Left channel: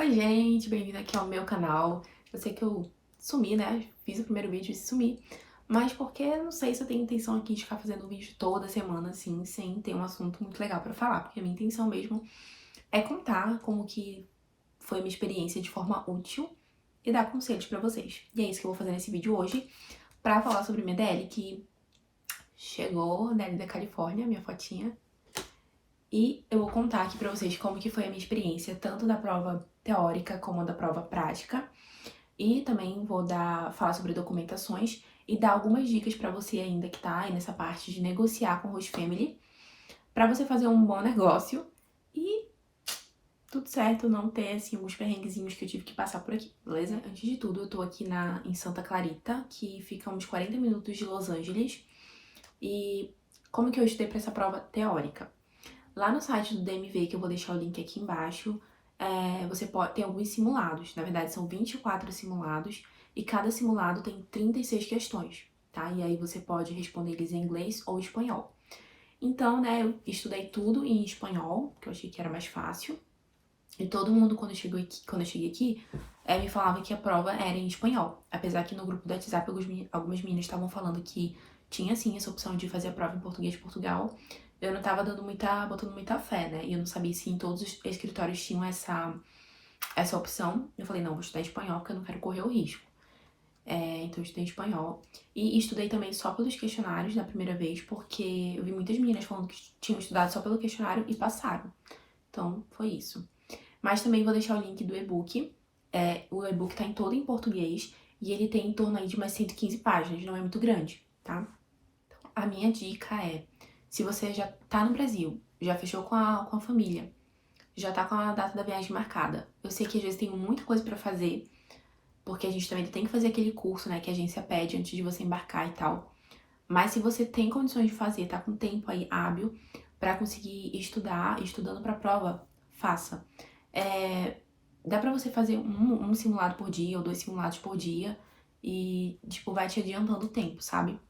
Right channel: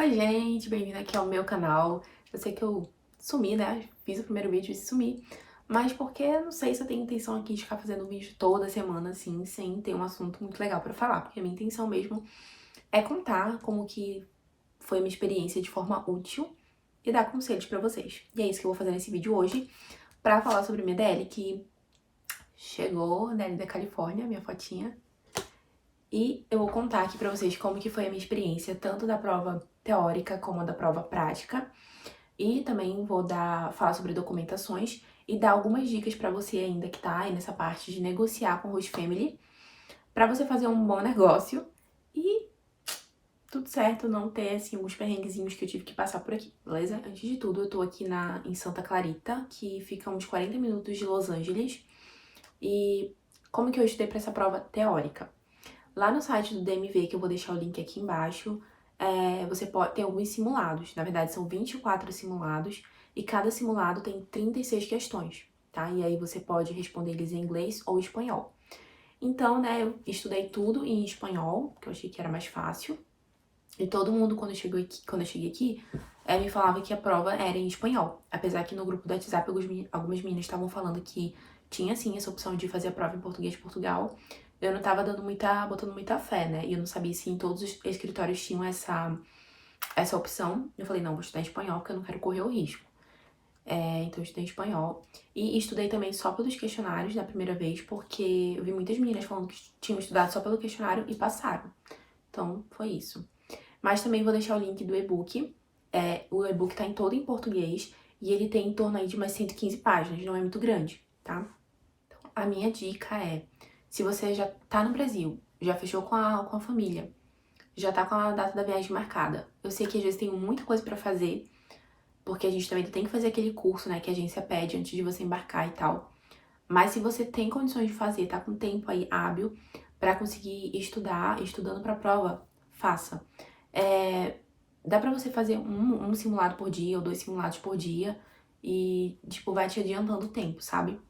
Oi, gente, bem-vindo aqui ao meu canal. Eu sei que eu sumi, né? Fiz o primeiro vídeo e sumi, mas porque eu não sei se eu tenho intenção aqui de ficar fazendo vídeo toda semana, assim, sem ter um assunto muito legal pra falar, porque a minha intenção mesmo é contar como que foi a minha experiência de forma útil e dar conselhos pra vocês. E é isso que eu vou fazer nesse vídeo hoje, pra falar sobre minha DL, que chegou, DL da Califórnia, minha fotinha. E eu vou contar aqui pra vocês como que foi a minha experiência, tanto da prova teórica como da prova prática. E também vou falar sobre documentações e dar algumas dicas pra você ainda que tá aí nessa parte de negociar com o Host Family, pra você fazer um bom negócio e tudo certo, não ter, assim, alguns perrenguezinhos que eu tive que passar por aqui, beleza? Antes de tudo, eu tô aqui em Santa Clarita, que fica uns 40 minutos de Los Angeles. E como que eu estudei pra essa prova teórica? Lá no site do DMV, que eu vou deixar o link aqui embaixo, você pode ter alguns simulados. Na verdade, são 24 simulados e cada simulado tem 36 questões, tá? E aí você pode responder eles em inglês ou espanhol. Então, né, eu estudei tudo em espanhol, porque eu achei que era mais fácil. E todo mundo, quando eu cheguei aqui, me falava que a prova era em espanhol. Apesar que no grupo do WhatsApp algumas meninas estavam falando que tinha sim essa opção de fazer a prova em português de Portugal. Eu não tava botando muita fé, né? E eu não sabia se em todos os escritórios tinham essa opção. Eu falei, não, vou estudar em espanhol porque eu não quero correr o risco. Então eu estudei em espanhol. E estudei também só pelos questionários na primeira vez, porque eu vi muitas meninas falando que tinham estudado só pelo questionário e passaram. Então, foi isso. Mas também vou deixar o link do e-book. O e-book tá todo em português e ele tem em torno aí de umas 115 páginas, não é muito grande, tá? Então, a minha dica é, se você já tá no Brasil, já fechou com a família, já tá com a data da viagem marcada, eu sei que às vezes tem muita coisa pra fazer, porque a gente também tem que fazer aquele curso, né, que a agência pede antes de você embarcar e tal. Mas se você tem condições de fazer, tá com tempo aí hábil pra conseguir estudar, estudando pra prova, faça. Dá pra você fazer um simulado por dia ou 2 simulados por dia e, tipo, vai te adiantando o tempo, sabe?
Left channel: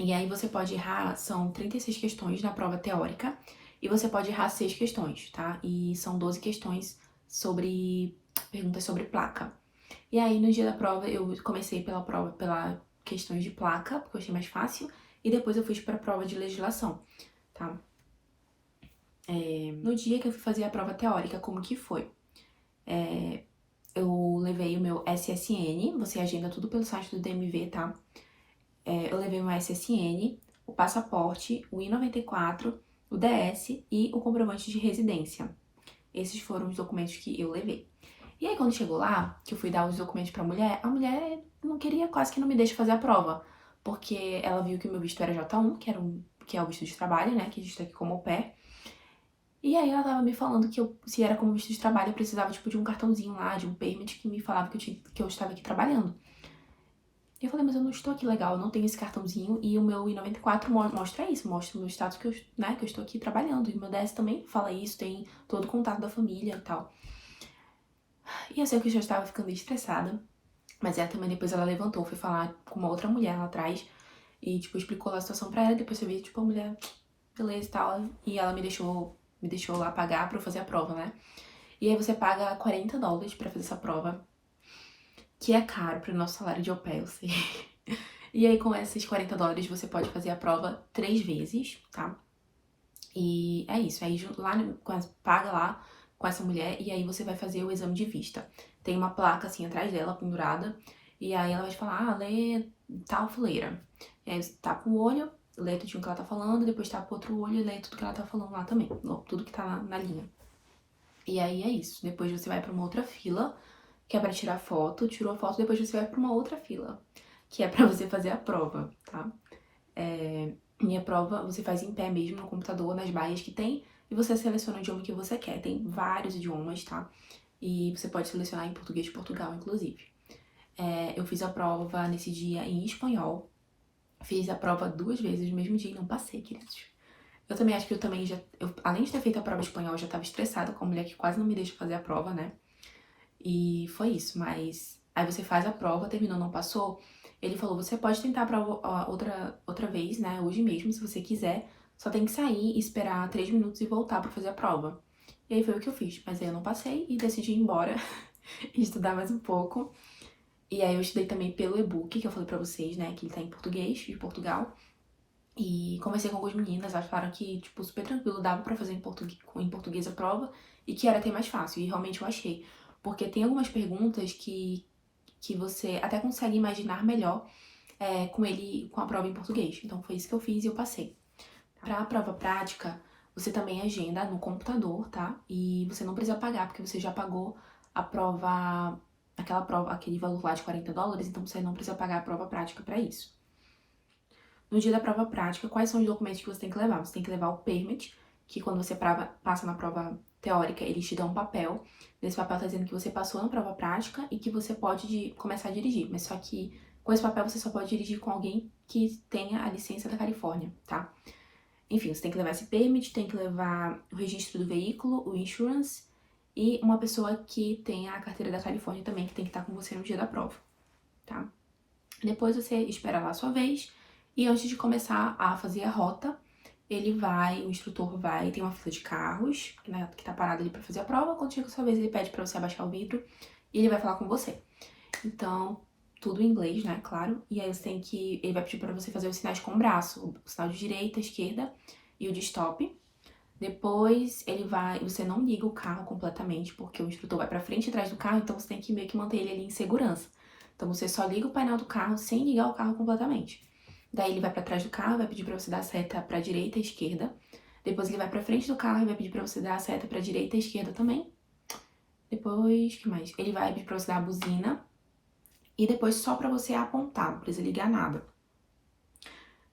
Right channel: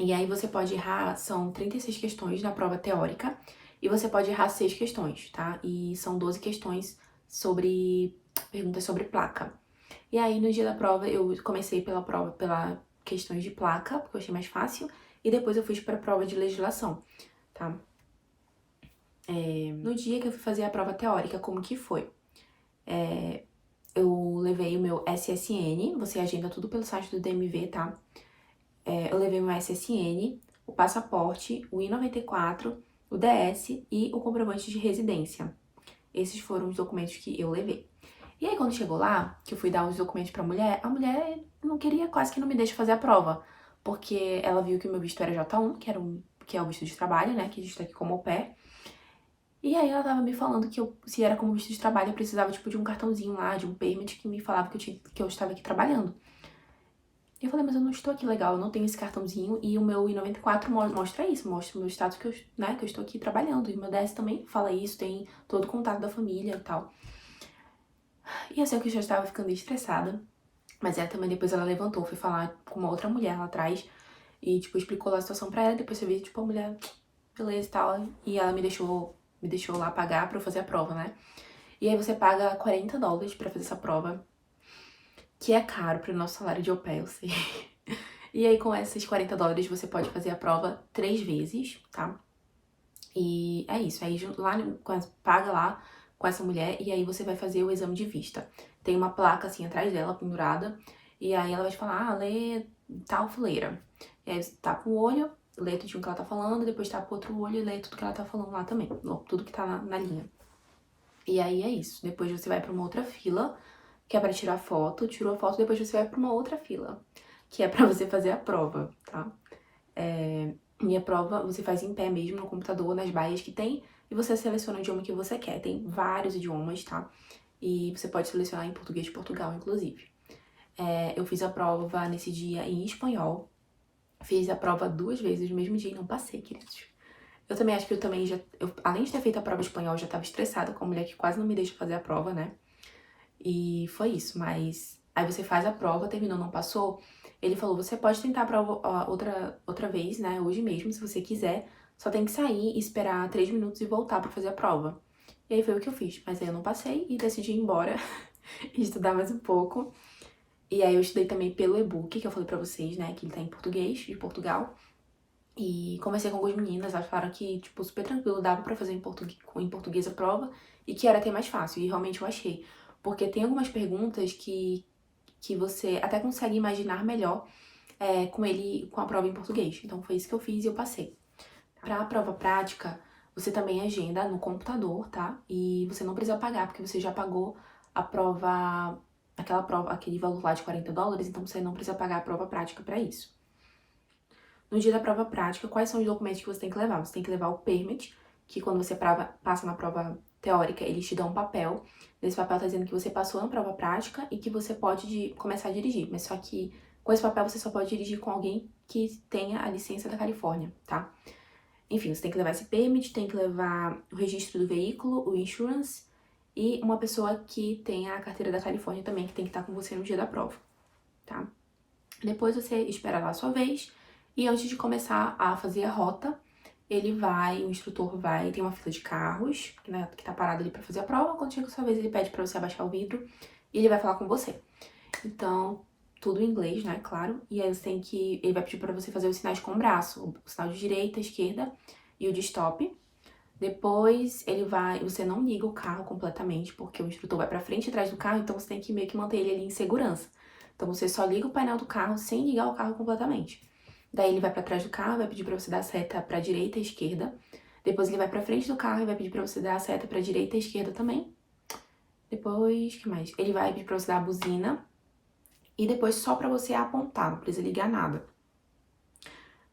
E aí você pode errar, são 36 questões na prova teórica e você pode errar 6 questões, tá? E são 12 questões perguntas sobre placa. E aí no dia da prova eu comecei pela questões de placa, porque eu achei mais fácil, e depois eu fui pra prova de legislação, tá? No dia que eu fui fazer a prova teórica, como que foi? Eu levei o meu SSN, você agenda tudo pelo site do DMV, tá? Eu levei o meu SSN, o passaporte, o I-94, o DS e o comprovante de residência. Esses foram os documentos que eu levei. E aí, quando chegou lá, que eu fui dar os documentos pra mulher, a mulher não queria, quase que não me deixa fazer a prova. Porque ela viu que o meu visto era J1, que é o visto de trabalho, né? Que a gente tá aqui como au pair. E aí ela tava me falando que se era como visto de trabalho, eu precisava, tipo, de um cartãozinho lá, de um permit que me falava que eu estava aqui trabalhando. E eu falei, mas eu não estou aqui legal, eu não tenho esse cartãozinho e o meu I-94 mostra isso, mostra o meu status que eu estou aqui trabalhando. E o meu DS também fala isso, tem todo o contato da família e tal. E eu sei que eu já estava ficando estressada, mas também depois ela levantou, foi falar com uma outra mulher lá atrás e, tipo, explicou lá a situação pra ela. Depois você vê, tipo, a mulher, beleza e tal, e ela me deixou lá pagar pra eu fazer a prova, né? E aí você paga $40 pra fazer essa prova, que é caro pro nosso salário de au pair, eu sei. E aí com esses $40 você pode fazer a prova 3 vezes, tá? E é isso, aí lá, paga lá com essa mulher e aí você vai fazer o exame de vista. Tem uma placa assim atrás dela, pendurada, e aí ela vai te falar, lê tal fileira. E aí você tapa o olho, lê tudo que ela tá falando, depois tapa o outro olho e lê tudo que ela tá falando lá também, tudo que tá na linha. E aí é isso, depois você vai pra uma outra fila, que é pra tirar foto, tirou a foto, depois você vai pra uma outra fila, que é pra você fazer a prova, tá? Minha prova você faz em pé mesmo no computador, nas baias que tem, e você seleciona o idioma que você quer. Tem vários idiomas, tá? E você pode selecionar em português de Portugal, inclusive. Eu fiz a prova nesse dia em espanhol. Fiz a prova 2 vezes no mesmo dia e não passei, queridos. Eu também acho que além de ter feito a prova em espanhol, eu já tava estressada com a mulher que quase não me deixa fazer a prova, né? E foi isso, mas aí você faz a prova, terminou, não passou. Ele falou, você pode tentar a prova outra vez, né, hoje mesmo, se você quiser. Só tem que sair, esperar 3 minutos e voltar pra fazer a prova. E aí foi o que eu fiz. Mas aí eu não passei e decidi ir embora e estudar mais um pouco. E aí eu estudei também pelo e-book, que eu falei pra vocês, né, que ele tá em português, de Portugal. E conversei com algumas meninas, elas falaram que, tipo, super tranquilo, dava pra fazer em português a prova e que era até mais fácil. E realmente eu achei. Porque tem algumas perguntas que você até consegue imaginar melhor com a prova em português. Então foi isso que eu fiz e eu passei. Pra prova prática, você também agenda no computador, tá? E você não precisa pagar, porque você já pagou a prova, aquela prova, aquele valor lá de $40, então você não precisa pagar a prova prática pra isso. No dia da prova prática, quais são os documentos que você tem que levar? Você tem que levar o permit, que quando você passa na prova teórica, eles te dão um papel. Nesse papel tá dizendo que você passou na prova prática e que você pode começar a dirigir. Mas só que com esse papel você só pode dirigir com alguém que tenha a licença da Califórnia, tá? Enfim, você tem que levar esse permit, tem que levar o registro do veículo, o insurance e uma pessoa que tenha a carteira da Califórnia também, que tem que estar com você no dia da prova, tá? Depois você espera lá a sua vez e antes de começar a fazer a rota, o instrutor vai, tem uma fila de carros, né, que tá parado ali pra fazer a prova. Quando chega a sua vez, ele pede pra você abaixar o vidro e ele vai falar com você. Então, tudo em inglês, né, claro. E aí ele vai pedir pra você fazer os sinais com o braço, o sinal de direita, esquerda e o de stop. Depois você não liga o carro completamente, porque o instrutor vai pra frente e atrás do carro, então você tem que meio que manter ele ali em segurança. Então você só liga o painel do carro sem ligar o carro completamente. Daí ele vai pra trás do carro, vai pedir pra você dar a seta pra direita e esquerda. Depois ele vai pra frente do carro e vai pedir pra você dar a seta pra direita e esquerda também. Depois, o que mais? Ele vai pedir pra você dar a buzina. E depois só pra você apontar, não precisa ligar nada.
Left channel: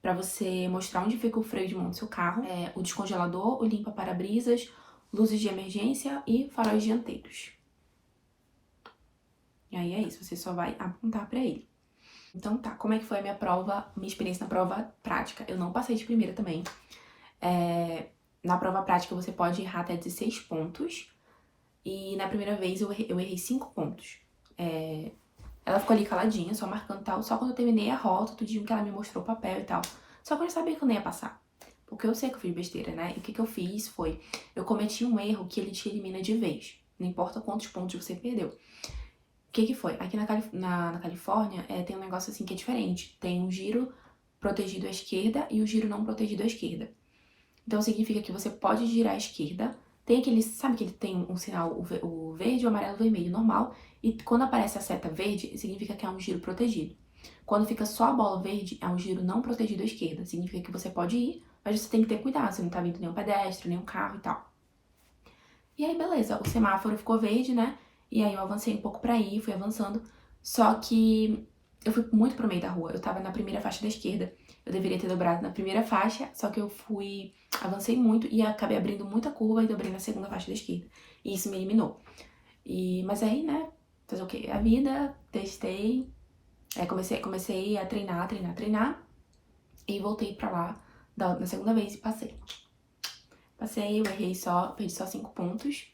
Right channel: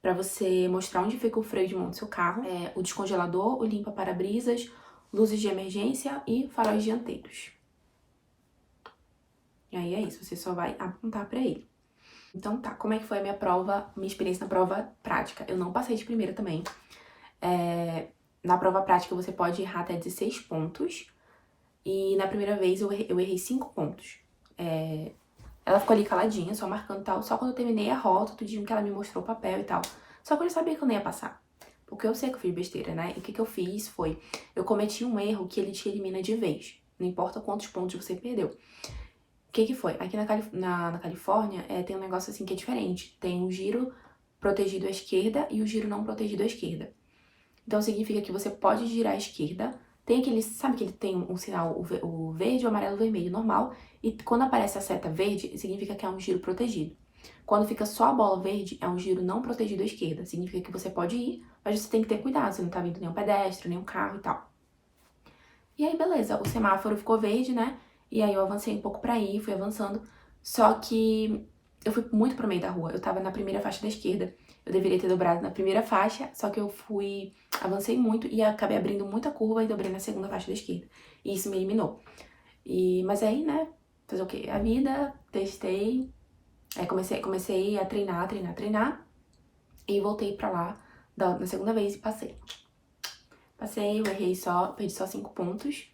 Pra você mostrar onde fica o freio de mão do seu carro, o descongelador, o limpa-para-brisas, luzes de emergência e faróis dianteiros. E aí é isso, você só vai apontar pra ele. Então tá, como é que foi a minha experiência na prova prática? Eu não passei de primeira também. Na prova prática você pode errar até 16 pontos. E na primeira vez eu errei 5 pontos. Ela ficou ali caladinha, só marcando tal. Só quando eu terminei a rota, tudinho que ela me mostrou o papel e tal. Só que eu já sabia que eu não ia passar. Porque eu sei que eu fiz besteira, né? E o que eu fiz foi... Eu cometi um erro que ele te elimina de vez. Não importa quantos pontos você perdeu. O que foi? Aqui na Califórnia tem um negócio assim que é diferente. Tem um giro protegido à esquerda e o giro não protegido à esquerda. Então significa que você pode girar à esquerda. Tem aquele... Sabe que ele tem um sinal, o verde, o amarelo, o vermelho normal. E quando aparece a seta verde, significa que é um giro protegido. Quando fica só a bola verde, é um giro não protegido à esquerda. Significa que você pode ir, mas você tem que ter cuidado. Você não tá vindo nenhum pedestre, nenhum carro e tal. E aí, beleza. O semáforo ficou verde, né? E aí eu avancei um pouco pra ir, fui avançando. Só que eu fui muito pro meio da rua. Eu tava na primeira faixa da esquerda. Eu deveria ter dobrado na primeira faixa, só que avancei muito e acabei abrindo muita curva e dobrei na segunda faixa da esquerda. E isso me eliminou. Mas aí, né, fazer o quê? A vida, testei, comecei a treinar, e voltei pra lá na segunda vez e passei. Passei, eu perdi só 5 pontos,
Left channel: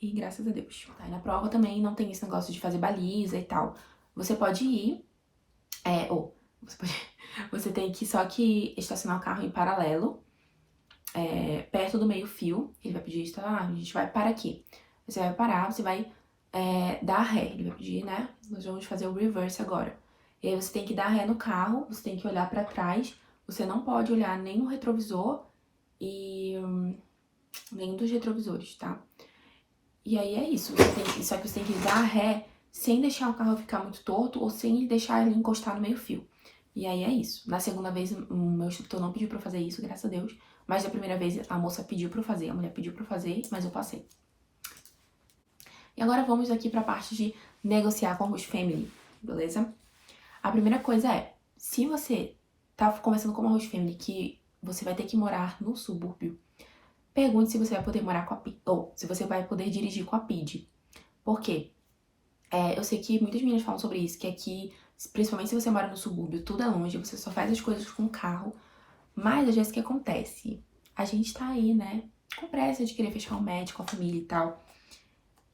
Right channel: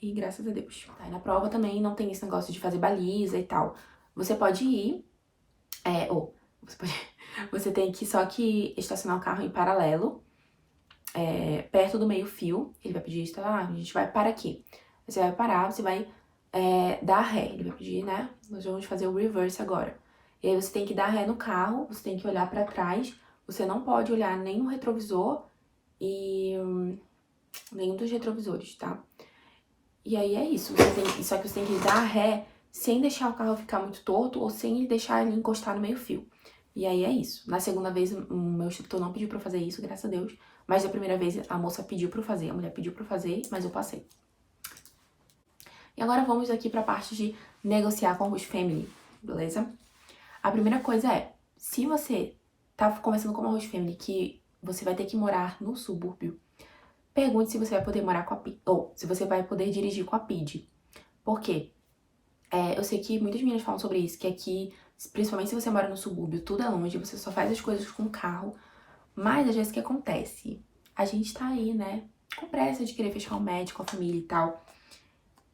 e graças a Deus. Tá, e na prova também não tem esse negócio de fazer baliza e tal. Você pode ir, você tem que só que estacionar o carro em paralelo, perto do meio-fio. Ele vai pedir, a gente vai parar aqui. Você vai parar, você vai dar ré. Ele vai pedir, né? Nós vamos fazer o reverse agora. E aí você tem que dar ré no carro, você tem que olhar pra trás. Você não pode olhar nem no retrovisor e nenhum dos retrovisores, tá? E aí é isso. Só que você tem que dar ré sem deixar o carro ficar muito torto ou sem deixar ele encostar no meio-fio. E aí é isso. Na segunda vez, o meu instrutor não pediu pra eu fazer isso, graças a Deus. Mas da primeira vez, a moça pediu pra eu fazer, a mulher pediu pra eu fazer, mas eu passei. E agora vamos aqui pra parte de negociar com a host family, beleza? A primeira coisa é, se você tá conversando com uma host family que você vai ter que morar no subúrbio, pergunte se você vai poder morar com a PID, ou se você vai poder dirigir com a PID. Por quê? Eu sei que muitas meninas falam sobre isso, que aqui, principalmente se você mora no subúrbio, tudo é longe, você só faz as coisas com carro. Mas às vezes o que acontece? A gente tá aí, né, com pressa de querer fechar um match com a família e tal.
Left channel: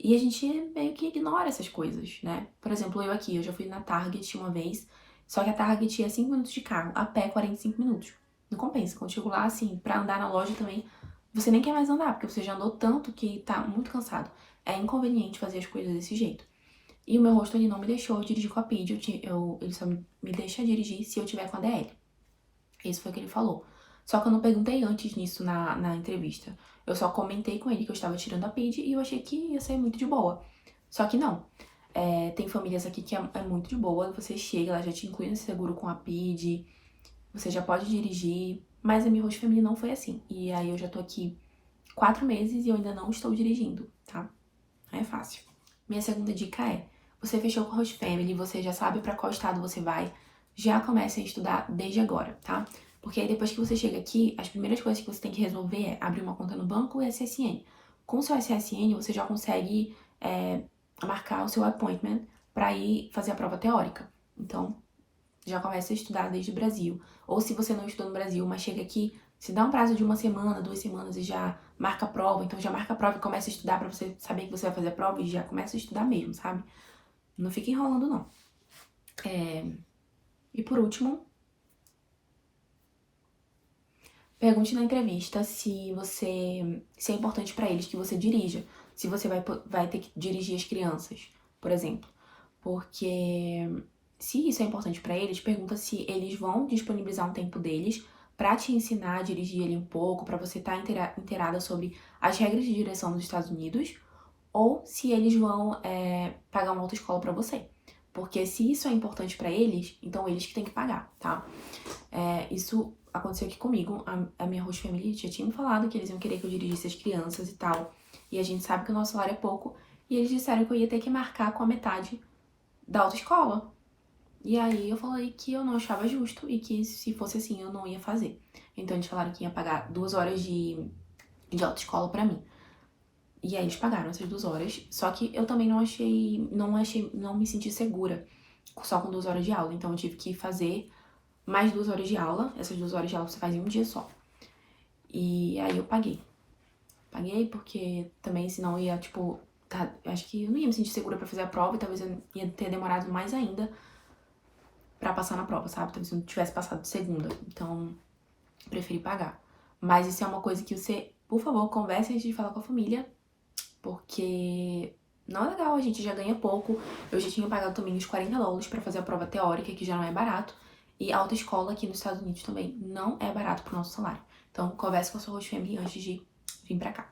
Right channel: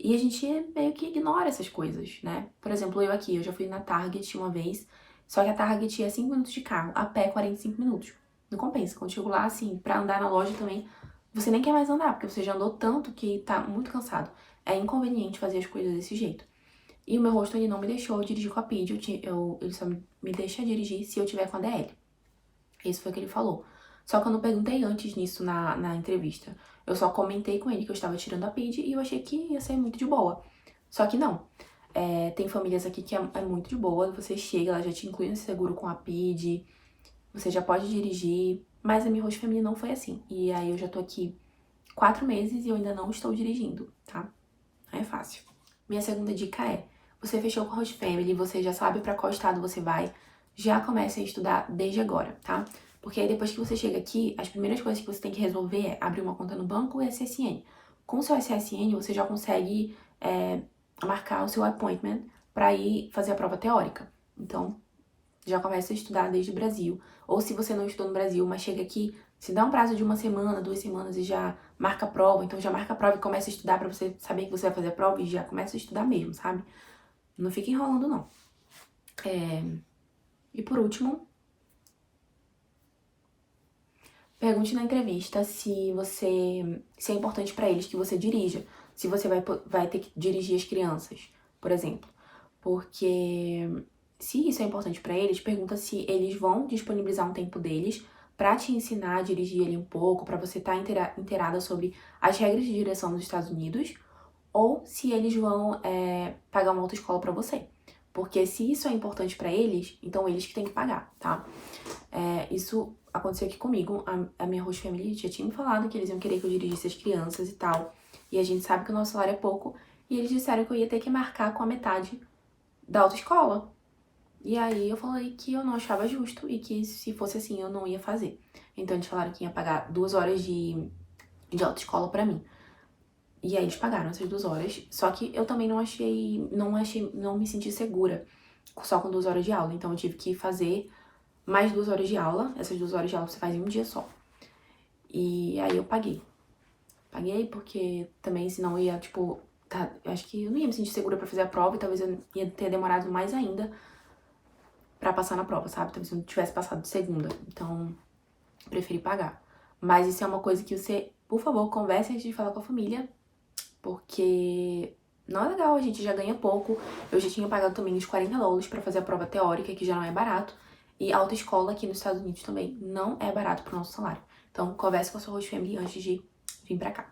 E a gente meio que ignora essas coisas, né? Por exemplo, eu já fui na Target uma vez, só que a Target é 5 minutos de carro, a pé 45 minutos. Não compensa. Quando eu chego lá, assim, pra andar na loja também, você nem quer mais andar, porque você já andou tanto que tá muito cansado. É inconveniente fazer as coisas desse jeito. E o meu rosto, ele não me deixou dirigir com a PID, ele só me deixa dirigir se eu tiver com a DL. Isso foi o que ele falou. Só que eu não perguntei antes nisso na entrevista. Eu só comentei com ele que eu estava tirando a PID e eu achei que ia ser muito de boa. Só que não. Tem famílias aqui que é muito de boa. Você chega, ela já te inclui no seguro com a PID, você já pode dirigir. Mas a minha host family não foi assim. E aí eu já tô aqui 4 meses e eu ainda não estou dirigindo, tá? Não é fácil. Minha segunda dica é: você fechou com a host family, você já sabe pra qual estado você vai, já comece a estudar desde agora, tá? Porque aí depois que você chega aqui, as primeiras coisas que você tem que resolver é abrir uma conta no banco e SSN. Com o seu SSN, você já consegue marcar o seu appointment pra ir fazer a prova teórica. Então, já começa a estudar desde o Brasil. Ou se você não estudou no Brasil, mas chega aqui, se dá um prazo de 1 semana, 2 semanas e já marca a prova, então já marca a prova e começa a estudar pra você saber que você vai fazer a prova e já começa a estudar mesmo, sabe? Não fica enrolando, não. E por último, pergunte na entrevista se é importante pra eles que você dirija. Se você vai ter que dirigir as crianças, por exemplo. Porque se isso é importante pra eles, pergunta se eles vão disponibilizar um tempo deles pra te ensinar a dirigir ali um pouco, pra você estar inteirada sobre as regras de direção dos Estados Unidos, ou se eles vão pagar uma autoescola pra você. Porque se isso é importante pra eles, então eles que têm que pagar, tá? Isso aconteceu aqui comigo. A minha host family já tinha me falado que eles iam querer que eu dirigisse as crianças e tal. E a gente sabe que o nosso salário é pouco. E eles disseram que eu ia ter que marcar com a metade da autoescola. E aí eu falei que eu não achava justo e que se fosse assim eu não ia fazer. Então eles falaram que ia pagar 2 horas de autoescola pra mim. E aí eles pagaram essas 2 horas. Só que eu também não me senti segura só com 2 horas de aula. Então eu tive que fazer mais 2 horas de aula. Essas 2 horas de aula você faz em um dia só. E aí eu paguei. Paguei porque também senão ia, tipo, acho que eu não ia me sentir segura pra fazer a prova e talvez eu ia ter demorado mais ainda pra passar na prova, sabe? Talvez eu não tivesse passado de segunda. Então, preferi pagar. Mas isso é uma coisa que você, por favor, converse antes de falar com a família, porque não é legal, a gente já ganha pouco. Eu já tinha pagado também uns $40 pra fazer a prova teórica, que já não é barato. E a autoescola aqui nos Estados Unidos também não é barato pro nosso salário. Então, converse com a sua host family antes de vir pra cá.